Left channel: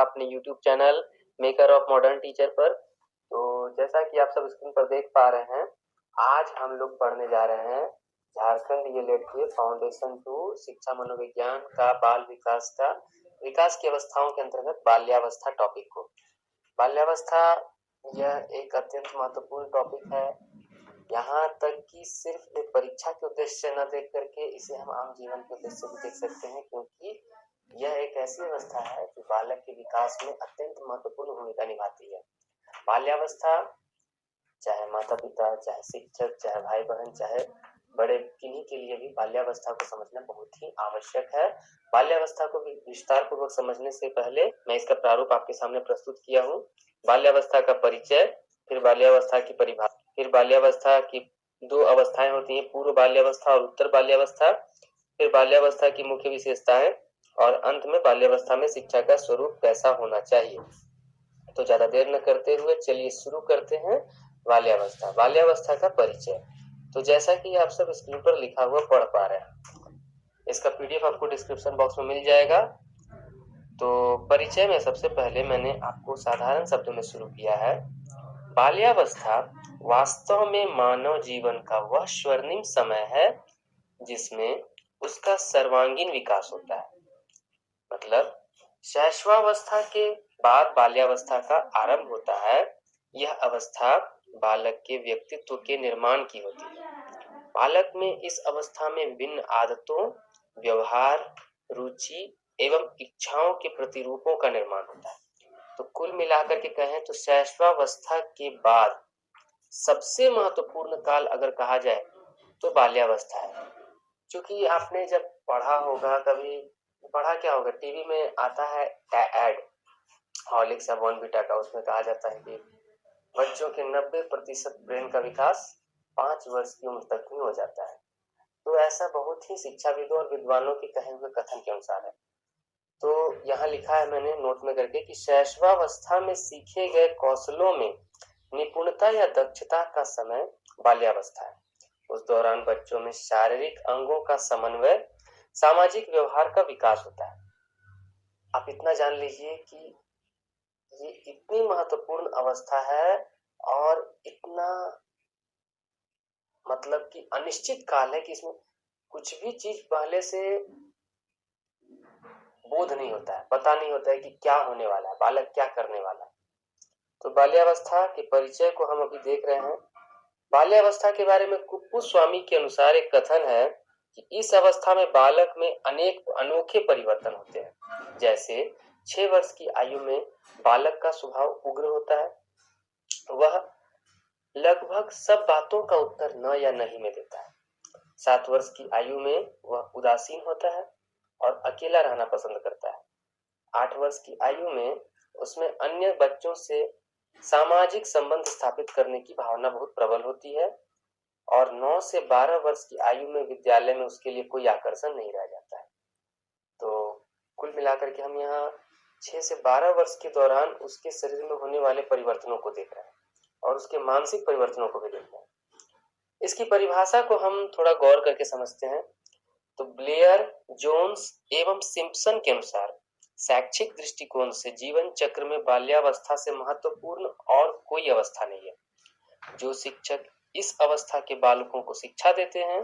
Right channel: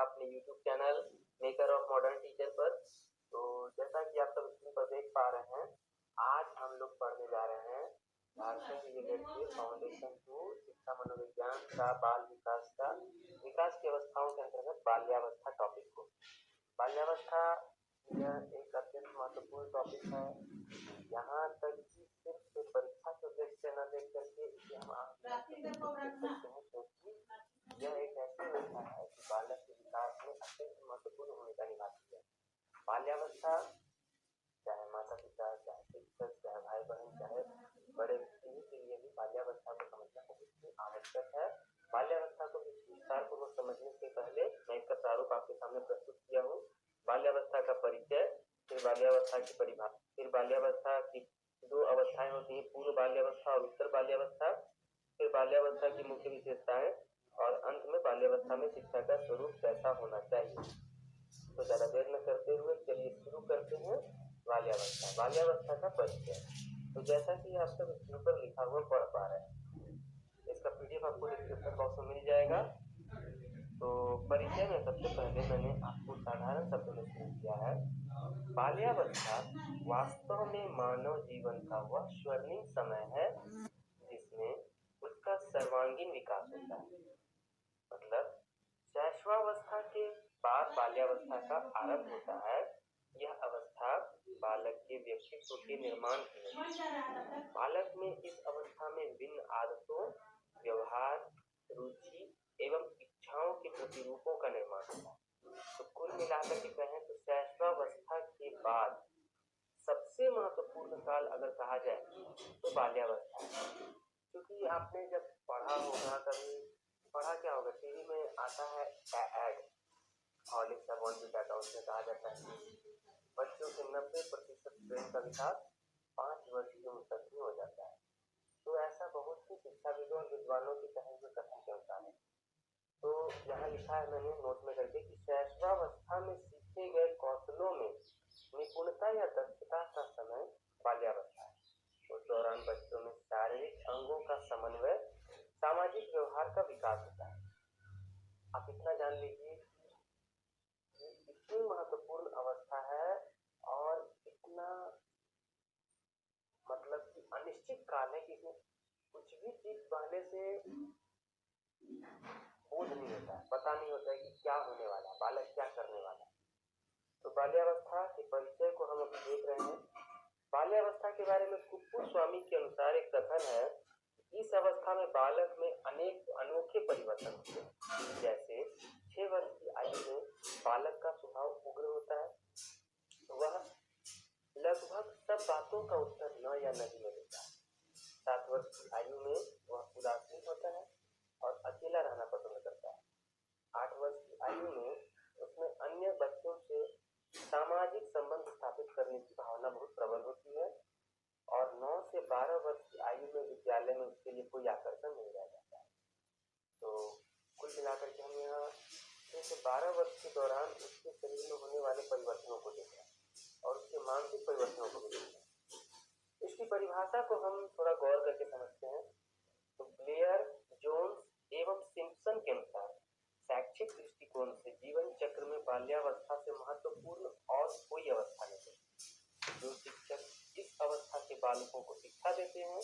आपका अपने YouTube channel maker of modern teacher पर। तो जैसा कि आप सब स्क्रीन पर देख पा रहे हैं, आज हम लोग पढ़ने जा रहे हैं झारखंड ईएलएड के फाउंडेशन टू शिक्षा मनोविज्ञान का बाल विकास की अवस्थाओं के अंतर्गत बाल्यावस्था टॉपिक को। बाल्यावस्था यह एक अत्यंत महत्वपूर्ण टॉपिक है। यहाँ तक कि सिर्फ एक परीक्षा के उद्देश्य से न देख करके इसे हम आम जीवन के उद्देश्य से भी देख सकते हैं, क्योंकि यह एक ऐसी अवस्था है कि बालक के विकास में अत्यंत महत्वपूर्ण भूमिका निभाती है। बाल्यावस्था चाहे माता पिता, चाहे शिक्षक, चाहे भाई बहन, चाहे बड़े, किन्हीं के लिए भी बाल्यावस्था को समझना बहुत ही आवश्यक है। बाल्यावस्था को विस्तार पूर्वक समझने से पहले मैं इसका प्रारूप आपके सामने प्रस्तुत किया हूँ। बाल्यावस्था का परिचय, फिर बाल्यावस्था की परिभाषा, फिर बाल्यावस्था की दो अवस्थाएं होती हैं, पूर्व बाल्यावस्था और उत्तर बाल्यावस्था, फिर बाल्यावस्था की मुख्य विशेषताएं और अंत में बाल्यावस्था में शिक्षा का स्वरूप कैसा होना चाहिए। तो ज्यादा देर न करते हुए चलिए शुरू करते हैं। बाल्यावस्था का परिचय। तो जैसा कि आप सब स्क्रीन पर लिखा हुआ पढ़ पा रहे हैं, इसका पीडीएफ आपको डिस्क्रिप्शन बॉक्स में मिल जाएगा। तो परिचय में सबसे पहले मैंने आपको साधारण शब्दों में शुरू किया है। बाल्यावस्था वास्तव में मानव जीवन का वह स्वर्णिम समय है जिसमें उसका सर्वांगीण विकास होता है। मतलब शैशवावस्था के बाद बाल्यावस्था का आरंभ होता है। यह अवस्था बालक के व्यक्तित्व के निर्माण की होती है। बालक में इस अवस्था में विभिन्न आदतों, व्यवहार, रुचि एवं इच्छाओं के प्रतिरूपों का निर्माण होता है। तो कुल मिलाकर के कहें तो शैशवावस्था के बाद सबसे महत्वपूर्ण काल अगर कहा जाए तो बाल्यावस्था है। क्योंकि आपने जब पढ़ा होगा, कभी पढ़ा क्या होगा, टीवी में आता है एड हॉर्लिक्स या बॉर्नविटा का, उसमें कहा जाता है कि बच्चों के 90% ब्रेन का विकास 5 वर्ष की उम्र तक में हो जाता है। तो ऐसा बहुत ही शिक्षाविदों और विद्वानों के कहे हुए कथन के अनुसार है। तो यहाँ लिखा है मैंने नोट में करके कि शैशवावस्था में सीखे गए कौशलों में निपुणता या दक्षता का समय बाल्यावस्था है। उस दौरान बच्चों में शारीरिक अंगों का समन्वय, सामाजिक व्यवहार का विकास होता है। आप इतना जान लीजिए कि ये इतनी महत्वपूर्ण अवस्था है और इतना मतलब कि अनिश्चित काल है कि इसमें कुछ भी चीज पहले से बोध नहीं होता है, पता नहीं होता है कि क्या होने वाला है, बालक क्या करने वाला है। तो बाल्यावस्था के परिचय को हम अभी देख रहे हैं। बाल्यावस्था के बारे में कुप्पू स्वामी के अनुसार एक कथन है कि इस अवस्था में बालक में अनेक अनोखे परिवर्तन होते हैं। जैसे 6 वर्ष की आयु में बालक का स्वभाव उग्र होता है। वह लगभग सब बातों का उत्तर न या नहीं में देता है। 7 वर्ष की आयु में वह उदासीन होता है और अकेला रहना पसंद करता है। 8 वर्ष की आयु में उसमें अन्य बच्चों से सामाजिक संबंध स्थापित करने की भावना बहुत प्रबल होती है और 9 से 12 वर्ष की आयु में विद्यालय में उसके लिए कोई आकर्षण नहीं रह जाता है। तो कुल मिलाकर के हम यहाँ 6 से 12 वर्ष के दौरान उसके शरीर में होने वाले परिवर्तनों को देख रहे हैं और उसके मानसिक परिवर्तनों को भी देख रहे हैं। इसकी परिभाषा को हम थोड़ा गौर करके समझते हैं तो ब्लेयर, जोन्स एवं सिम्पसन के अनुसार शैक्षिक दृष्टिकोण से जीवन चक्र में बाल्यावस्था से महत्वपूर्ण और कोई अवस्था नहीं है। जो शिक्षक इस अवस्था के बालकों को शिक्षा देते हैं,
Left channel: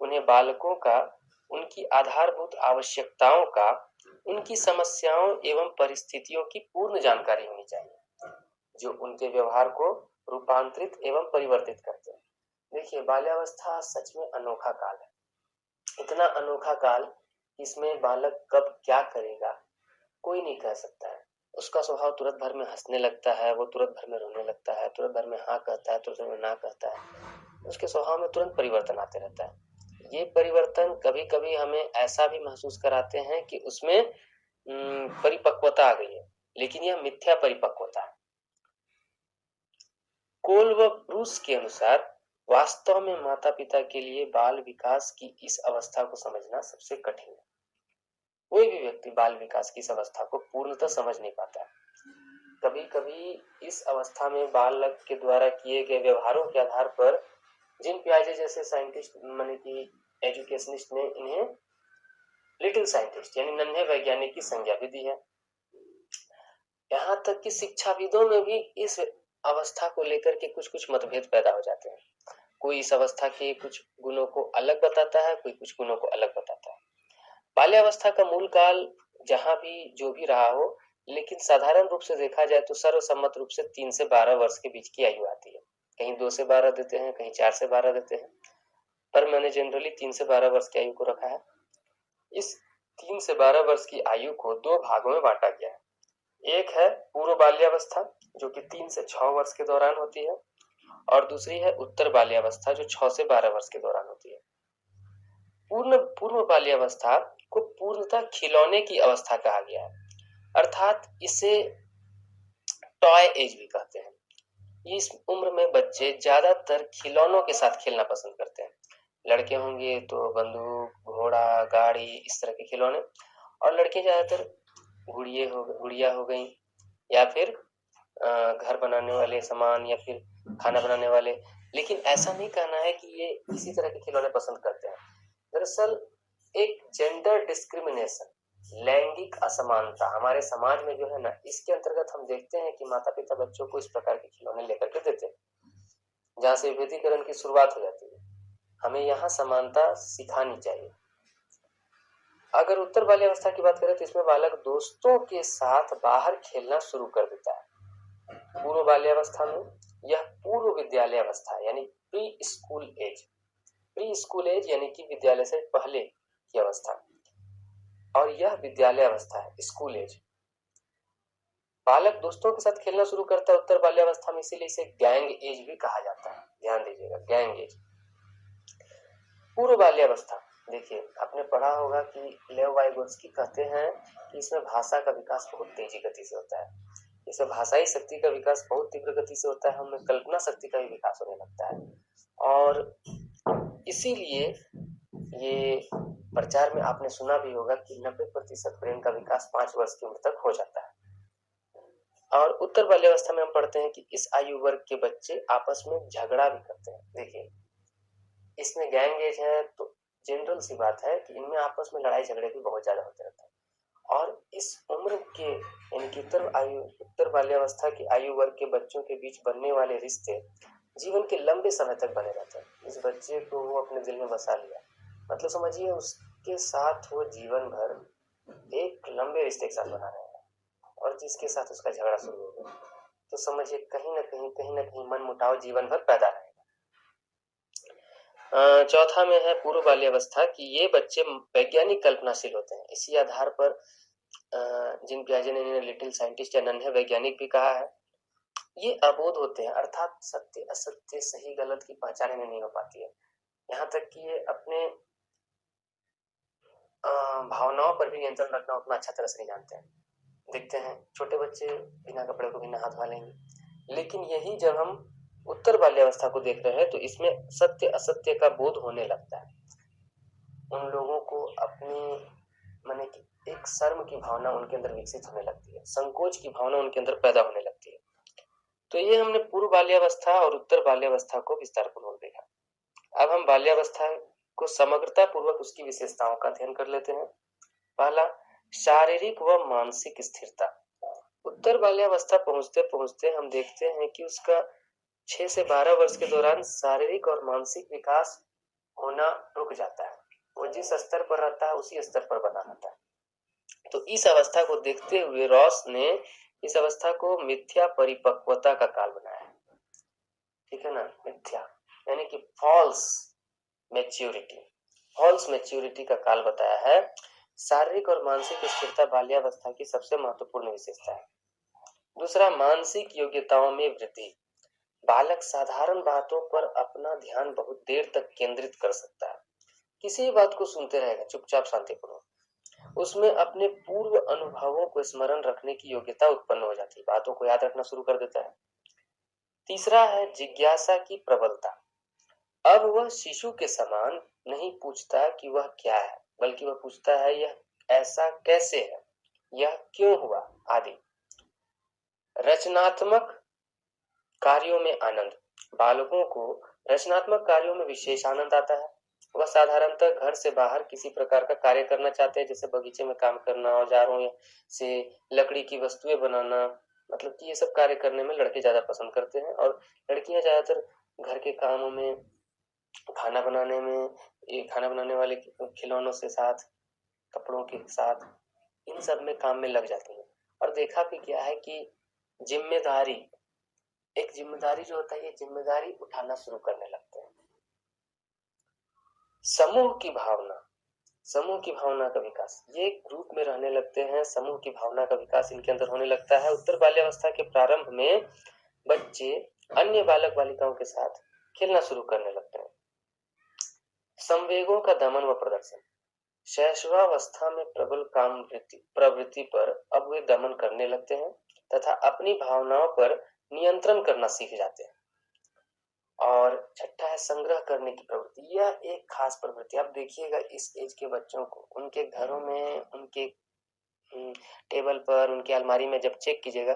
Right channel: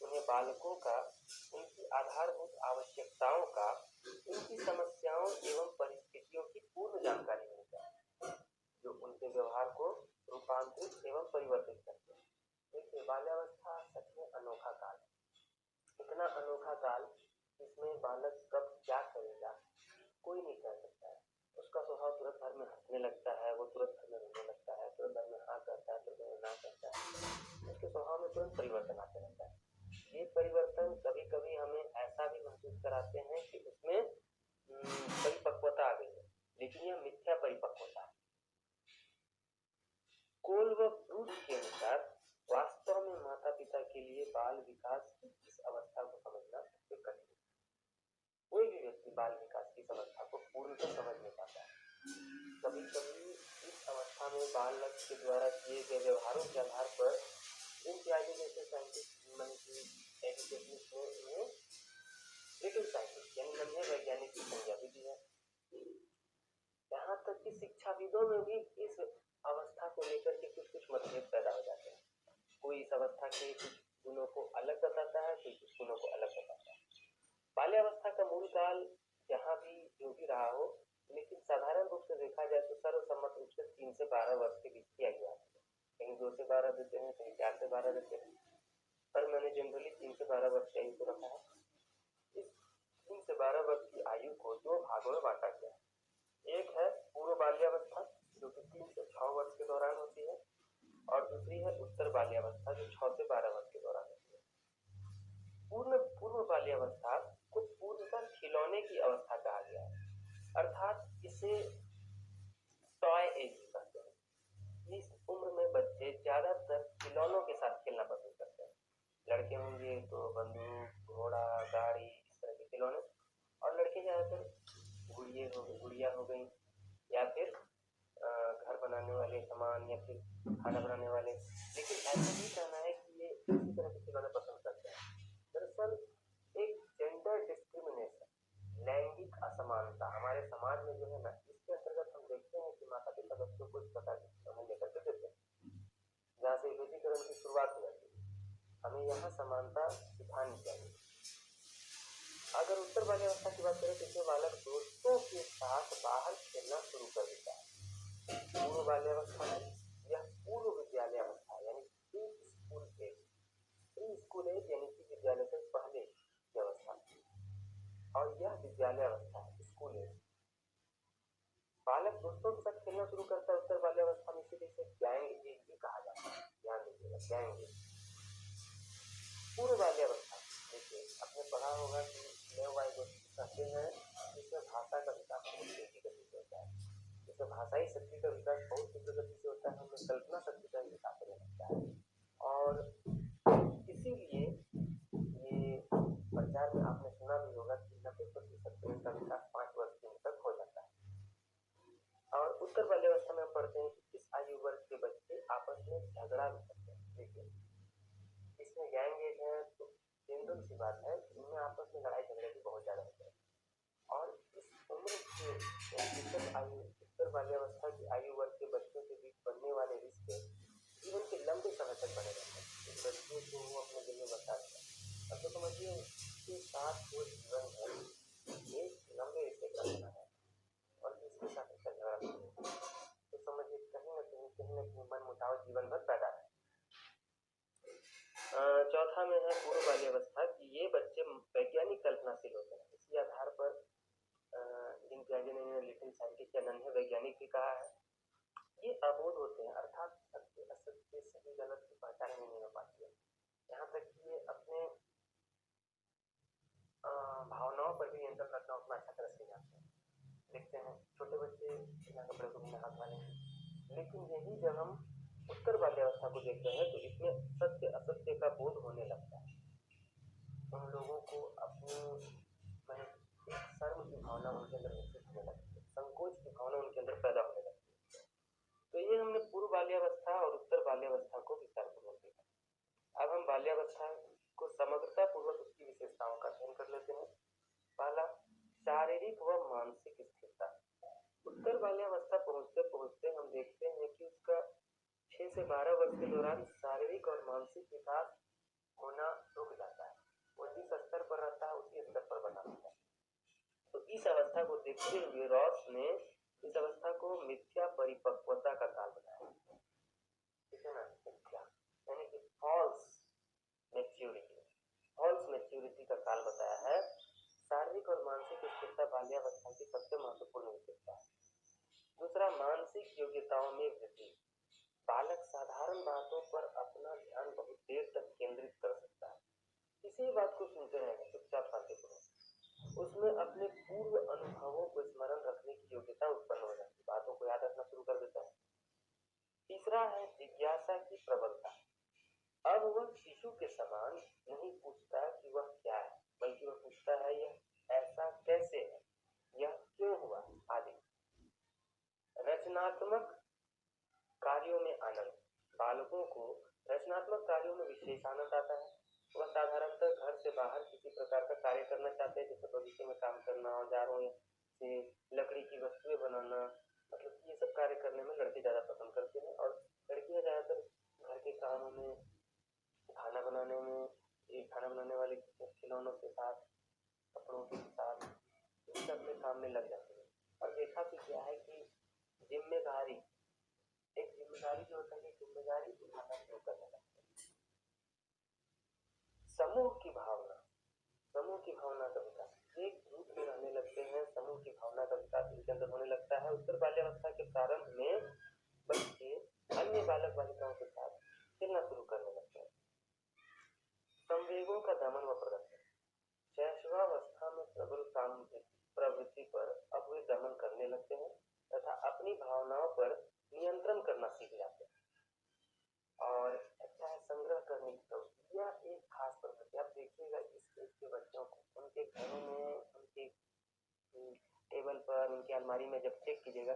उन्हें बालकों का, उनकी आधारभूत आवश्यकताओं का, उनकी समस्याओं एवं परिस्थितियों की पूर्ण जानकारी होनी चाहिए, जो उनके व्यवहार को रूपांतरित एवं परिवर्तित करते हैं। देखिए, बाल्यावस्था सच में अनोखा काल है। इतना अनोखा काल, इसमें बालक कब क्या करेगा कोई नहीं कह सकता है। उसका स्वभाव तुरंत भर में हंसने लगता है, वो तुरंत भर में रोने लगता है, तुरंत भर में हाँ कहता है, तुरंत भर में ना कहता है। उसके स्वभाव में तुरंत परिवर्तन आते रहता है। ये परिवर्तन कभी कभी हमें ऐसा भी महसूस कराते हैं कि उसमें परिपक्वता आ गई है, लेकिन यह मिथ्या परिपक्वता है। कोल व ब्रूस के अनुसार वास्तव में माता पिता के लिए बाल विकास की इस अवस्था को समझना सबसे कठिन है। कोई भी व्यक्ति बाल विकास की इस अवस्था को पूर्णतः समझ नहीं पाता है। कभी कभी इस अवस्था में बालक के द्वारा किए गए व्यवहारों के आधार पर जिन पियाजे जैसे साइंटिस्ट माने कि एजुकेशनिस्ट ने इन्हें लिटिल साइंटिस्ट यानी नन्हे वैज्ञानिक की संज्ञा भी दी है। तक कि शिक्षाविदों में भी इस अवस्था को लेकर के कुछ मतभेद पैदा हो जाते हैं। कोई इस अवस्था के कुछ गुणों को अलग बताता है, कोई कुछ गुणों को अलग बताता है। बाल्यावस्था का मूल काल जहाँ भी जो भी रहा हो, लेकिन साधारण रूप से देखा जाए तो सर्वसम्मत रूप से 3 से 12 वर्ष के बीच की आयु आती है। कहीं 2 से 12 देते हैं, कहीं 4 से 12 देते हैं, पर मैंने जनरली 3 से 12 वर्ष की आयु को रखा है। इस 3 से 12 वर्ष की आयु को 2 भागों में बांटा गया है। एक है पूर्व बाल्यावस्था, जो कि 3 से 6 वर्ष के दौरान होती है, और दूसरी है उत्तर बाल्यावस्था, जो 6 से 12 वर्ष के दौरान होती है। पूर्व बाल्यावस्था को पूर्णतः खिलौने की अवस्था कहा गया है, अर्थात इसे टॉय एज भी कहते हैं। इस उम्र में बच्चे ज्यादातर खिलौनों के साथ खेलना पसंद करते हैं। लड़के होंगे तो बंदूक, घोड़ा, गाड़ी, इस तरह के खिलौने, और लड़के ज्यादातर गुड़िया हो गई, या फिर घर बनाने वाले सामान, या फिर खाना बनाने वाले। लेकिन ऐसा नहीं कहना है कि ये इसी तरह के खिलौने पसंद करते हैं। दरअसल एक जेंडर डिस्क्रिमिनेशन, लैंगिक असमानता हमारे समाज में जो है ना, इसके अंतर्गत हम देखते हैं कि माता पिता बच्चों को इस प्रकार के खिलौने लेकर के देते हैं, जहाँ से विभेदीकरण की शुरुआत हो जाती है। हमें यहाँ समानता सिखानी चाहिए। अगर उत्तर बाल्यावस्था की बात करें तो इसमें बालक दोस्तों के साथ बाहर खेलना शुरू कर देता है। पूर्व बाल्यावस्था में यह पूर्व विद्यालय अवस्था यानी pre school age, pre school age यानी कि विद्यालय से पहले की अवस्था, और यह विद्यालय अवस्था है, स्कूल एज। बालक दोस्तों के साथ खेलना शुरू करता है उत्तर बाल्यावस्था में, इसीलिए इसे गैंग एज भी कहा जाता है। ध्यान दीजिएगा, गैंग एज। पूर्व बाल्यावस्था, देखिए आपने पढ़ा होगा कि लेव वाइगोत्स्की कहते हैं कि इसमें भाषा का विकास बहुत तेजी गति से होता है। इसमें भाषाई शक्ति का विकास बहुत तीव्र गति से होता है, हमें कल्पना शक्ति का भी विकास होने लगता है, और इसीलिए ये प्रचार में आपने सुना भी होगा कि 90% ब्रेन का विकास 5 वर्ष की उम्र तक हो जाता है। और उत्तर बाल्यावस्था में हम पढ़ते हैं कि इस आयु वर्ग के बच्चे आपस में झगड़ा भी करते हैं। देखिए इसमें गैंग एज है तो जनरल सी बात है कि इनमें आपस में लड़ाई झगड़े भी बहुत ज्यादा होते रहते हैं, और इस उम्र के यानी कि उत्तर बाल्यावस्था की आयु वर्ग के बच्चों के बीच बनने वाले रिश्ते जीवन के लंबे समय तक बने रहते हैं। इस बच्चे को वो अपने दिल में बसा लिया, मतलब समझिए उसके साथ वो जीवन भर एक लंबे रिश्ते के साथ बना रहेगा, और जिसके साथ उसका झगड़ा शुरू हो गया तो समझिए कहीं ना कहीं मन मुटाव जीवन भर पैदा रहेगा। चौथा में है पूर्व बाल्यावस्था कि ये बच्चे वैज्ञानिक कल्पनाशील होते हैं। इसी आधार पर जिन पियाजे ने इन्हें लिटिल साइंटिस्ट या नन्हे वैज्ञानिक भी कहा है। ये अबोध होते हैं, अर्थात सत्य असत्य सही गलत की पहचान इन्हें नहीं हो पाती है। यहाँ तक कि ये अपने भावनाओं पर भी नियंत्रण रखना उतना अच्छा तरह से नहीं जानते हैं। देखते हैं छोटे बच्चे बिना कपड़े को बिना हाथ वालेंगे, लेकिन यही जब हम उत्तर बाल्यावस्था को देख रहे हैं तो इसमें सत्य असत्य का बोध होने लगता है। उन लोगों को अपनी माने कि एक शर्म की भावना उनके अंदर विकसित होने लगती है, संकोच की भावना उनके अंदर पैदा होने लगती है। तो ये हमने पूर्व बाल्यावस्था और उत्तर बाल्यावस्था को विस्तार पूर्वक देखा। अब हम बाल्यावस्था को समग्रता पूर्वक उसकी विशेषताओं का अध्ययन कर लेते हैं। पहला, शारीरिक व मानसिक स्थिरता। उत्तर बाल्यावस्था पहुंचते पहुंचते हम देखते हैं कि उसका 6 से 12 वर्ष के दौरान शारीरिक और मानसिक विकास होना रुक जाता है। वो जिस स्तर पर रहता है उसी स्तर पर बना रहता है। तो इस अवस्था को देखते हुए रॉस ने इस अवस्था को मिथ्या परिपक्वता का काल बनाया है। ठीक है ना, मिथ्या यानी कि फॉल्स मैच्योरिटी का काल बताया है। शारीरिक और मानसिक स्थिरता बाल्यावस्था की सबसे महत्वपूर्ण विशेषता है। दूसरा, मानसिक योग्यताओं में वृद्धि। बालक साधारण बातों पर अपना ध्यान बहुत देर तक केंद्रित कर सकता है, किसी भी बात को सुनते रहेगा चुपचाप शांतिपूर्वक। उसमें अपने पूर्व अनुभवों को स्मरण रखने की योग्यता उत्पन्न हो जाती है, बातों को याद रखना शुरू कर देता है। तीसरा है जिज्ञासा की प्रबलता। अब वह शिशु के समान नहीं पूछता कि वह क्या है, बल्कि वह पूछता है यह ऐसा कैसे है, यह क्यों हुआ आदि। रचनात्मक कार्यों में आनंद। बालकों को रचनात्मक कार्यों में विशेष आनंद आता है। वह साधारणतः घर से बाहर किसी प्रकार का कार्य करना चाहते हैं, जैसे बगीचे में काम करना, औजारों से लकड़ी की वस्तुएं बनाना, मतलब कि ये सब कार्य करने में लड़के ज़्यादा पसंद करते हैं और लड़कियां ज़्यादातर घर के कामों में, खाना बनाने में, ये खाना बनाने वाले खिलौनों से साथ, कपड़ों के साथ, इन सब में काम में लग जाती हैं। और देखा भी क्या है कि जिम्मेदारी, एक जिम्मेदारी जो होता है, ये जिम्मेदारी उठाना शुरू करने लगते हैं। समूह की भावना, समूह की भावना का विकास, ये ग्रुप में रहने लगते हैं, समूह की भावना का विकास इनके अंदर होने लगता है। उत्तर बाल्यावस्था के प्रारंभ में बच्चे अन्य बालक बालिकाओं के साथ खेलना शुरू करने लगते हैं। संवेगों का दमन व प्रदर्शन, शैशवावस्था में प्रबल काम प्रवृत्ति पर अब वे दमन करने लगते हैं तथा अपनी भावनाओं पर नियंत्रण करना सीख जाते हैं। और छठा है संग्रह करने की प्रवृत्ति। यह एक खास प्रवृत्ति, आप देखिएगा इस एज के बच्चों को उनके घरों में, उनके टेबल पर, उनकी अलमारी में जब चेक कीजिएगा,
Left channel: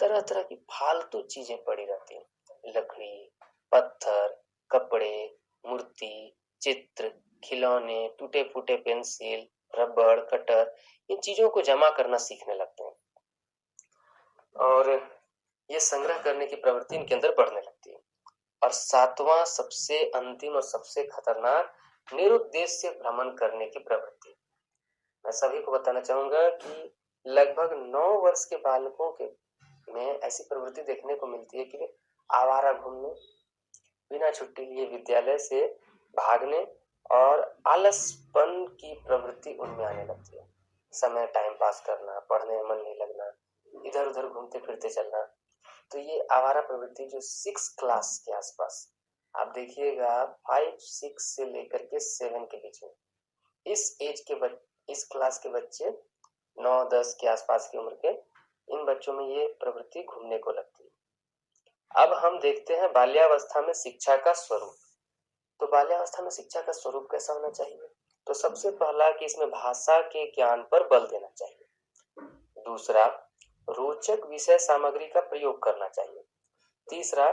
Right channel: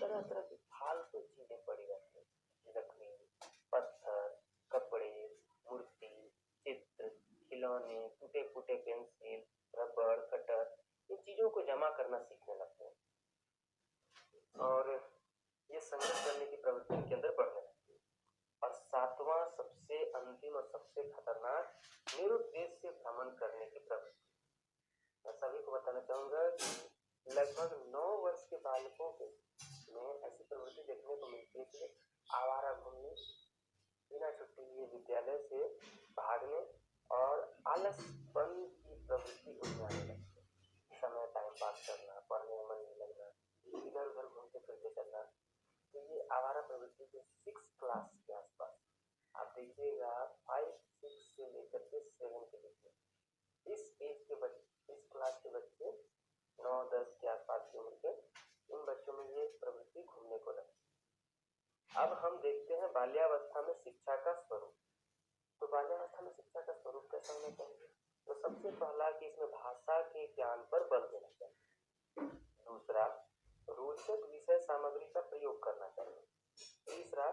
तरह तरह की फालतू चीजें पड़ी रहती हैं। लकड़ी, पत्थर, कपड़े, मूर्ति, चित्र, खिलौने, टूटे फूटे पेंसिल, रबड़, कटर, इन चीजों को जमा करना सीखने लगते हैं और ये संग्रह करने की प्रवृत्ति इनके अंदर बढ़ने लगती है। और सातवां, सबसे अंतिम और सबसे खतरनाक, निरुद्देश्य भ्रमण करने की प्रवृत्ति। मैं सभी को बताना चाहूंगा कि लगभग 9 वर्ष के बालकों के में ऐसी प्रवृत्ति देखने को मिलती है कि वे आवारा घूमने, बिना छुट्टी लिए विद्यालय से भागने और आलसपन की प्रवृत्ति उनमें आने लगती है। समय टाइम पास करना, पढ़ने में मन नहीं लगना, इधर उधर घूमते फिरते चलना। तो ये आवारा प्रवृत्ति जो 6 क्लास के आसपास, आप देखिएगा 5, 6 से लेकर के 7 के बीच में, इस एज के इस क्लास के बच्चे 9, 10 के आसपास की उम्र के इन बच्चों में ये प्रवृत्ति घूमने को लगती है। अब हम देखते हैं बाल्यावस्था में शिक्षा का स्वरूप। तो बाल्यावस्था में शिक्षा का स्वरूप कैसा होना चाहिए? तो सबसे पहला कि इसमें भाषा के ज्ञान पर बल देना चाहिए। दूसरा, रोचक विषय सामग्री का प्रयोग करना चाहिए। तीसरा,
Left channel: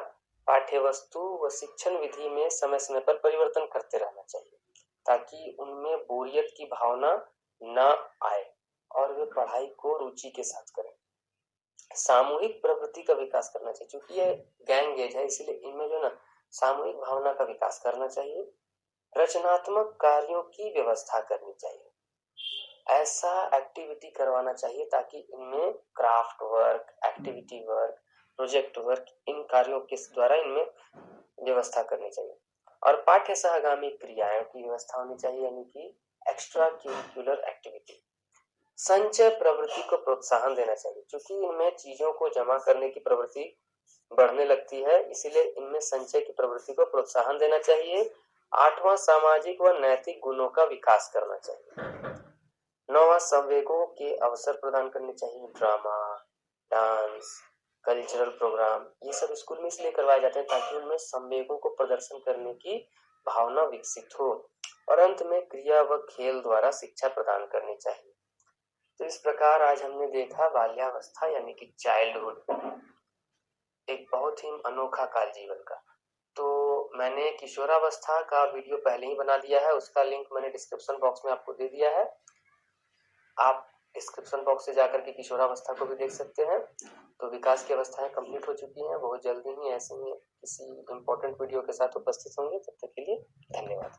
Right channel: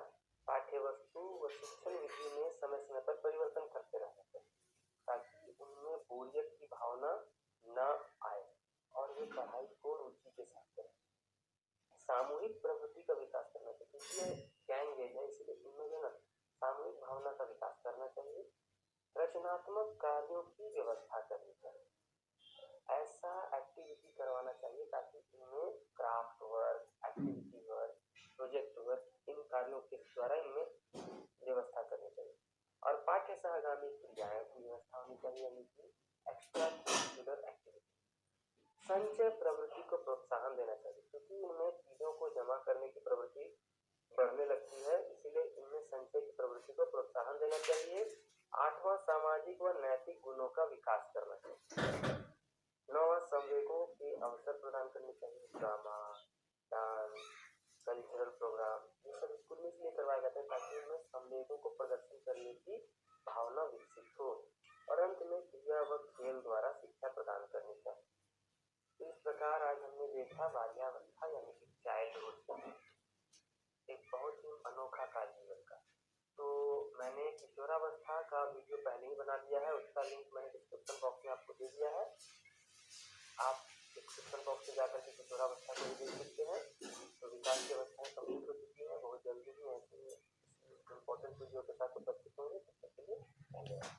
पाठ्यवस्तु व शिक्षण विधि में समय समय पर परिवर्तन करते रहना चाहिए ताकि उनमें बोरियत की भावना न आए और वे पढ़ाई को रुचि के साथ करें। सामूहिक प्रवृत्ति का विकास करना चाहिए, क्योंकि ये गैंग एज है, इसलिए इनमें जो ना सामूहिक भावना का विकास करना चाहिए। रचनात्मक कार्यों की व्यवस्था करनी चाहिए, ऐसा एक्टिविटी करवाना चाहिए ताकि इनमें craft work, activity work, project work, इन कार्यों के द्वारा इनमें व्यवस्था करनी चाहिए। और पाठ्य सहगामी क्रियाओं की व्यवस्था होनी चाहिए, यानी कि एक्स्ट्रा करिकुलर एक्टिविटी। संचय प्रवृत्ति को प्रोत्साहन देना चाहिए, क्योंकि इनमें चीजों को जमा करने की प्रवृत्ति बढ़ने लगती है, इसीलिए इनमें संचय की प्रवृत्ति को प्रोत्साहन देना चाहिए। आठवां, सामाजिक व नैतिक गुणों का विकास करना चाहिए। नौवां, संवेगों के अवसर प्रदान करने चाहिए। ड्रामा, डांस, कल्चरल प्रोग्राम, ये सब स्कूल में इसलिए करवाए जाते हैं ताकि उनमें संवेगों को प्रदर्शन करने की भावना विकसित हो। और अंत में क्रिया व खेल द्वारा शिक्षा प्रदान करनी चाहिए। तो इस प्रकार आज हमने देखा बाल्यावस्था यानी कि चाइल्डहुड, एक बहुत ही अनोखा काल जीवन का। तो मैंने किशोरावस्था का वीडियो पहले ही बना दिया है, उसका लिंक मैंने डिस्क्रिप्शन बॉक्स में आपको दे दिया है। आप डिस्क्रिप्शन बॉक्स से जाकर के किशोरावस्था को भी देख सकते हैं। तो विकास की अवस्थाएं कंप्लीट हो चुकी हैं, बहुत जल्दी ही ऐसे ही किसी इंपॉर्टेंट वीडियो के साथ उपस्थित होंगे। तब तक के लिए धन्यवाद।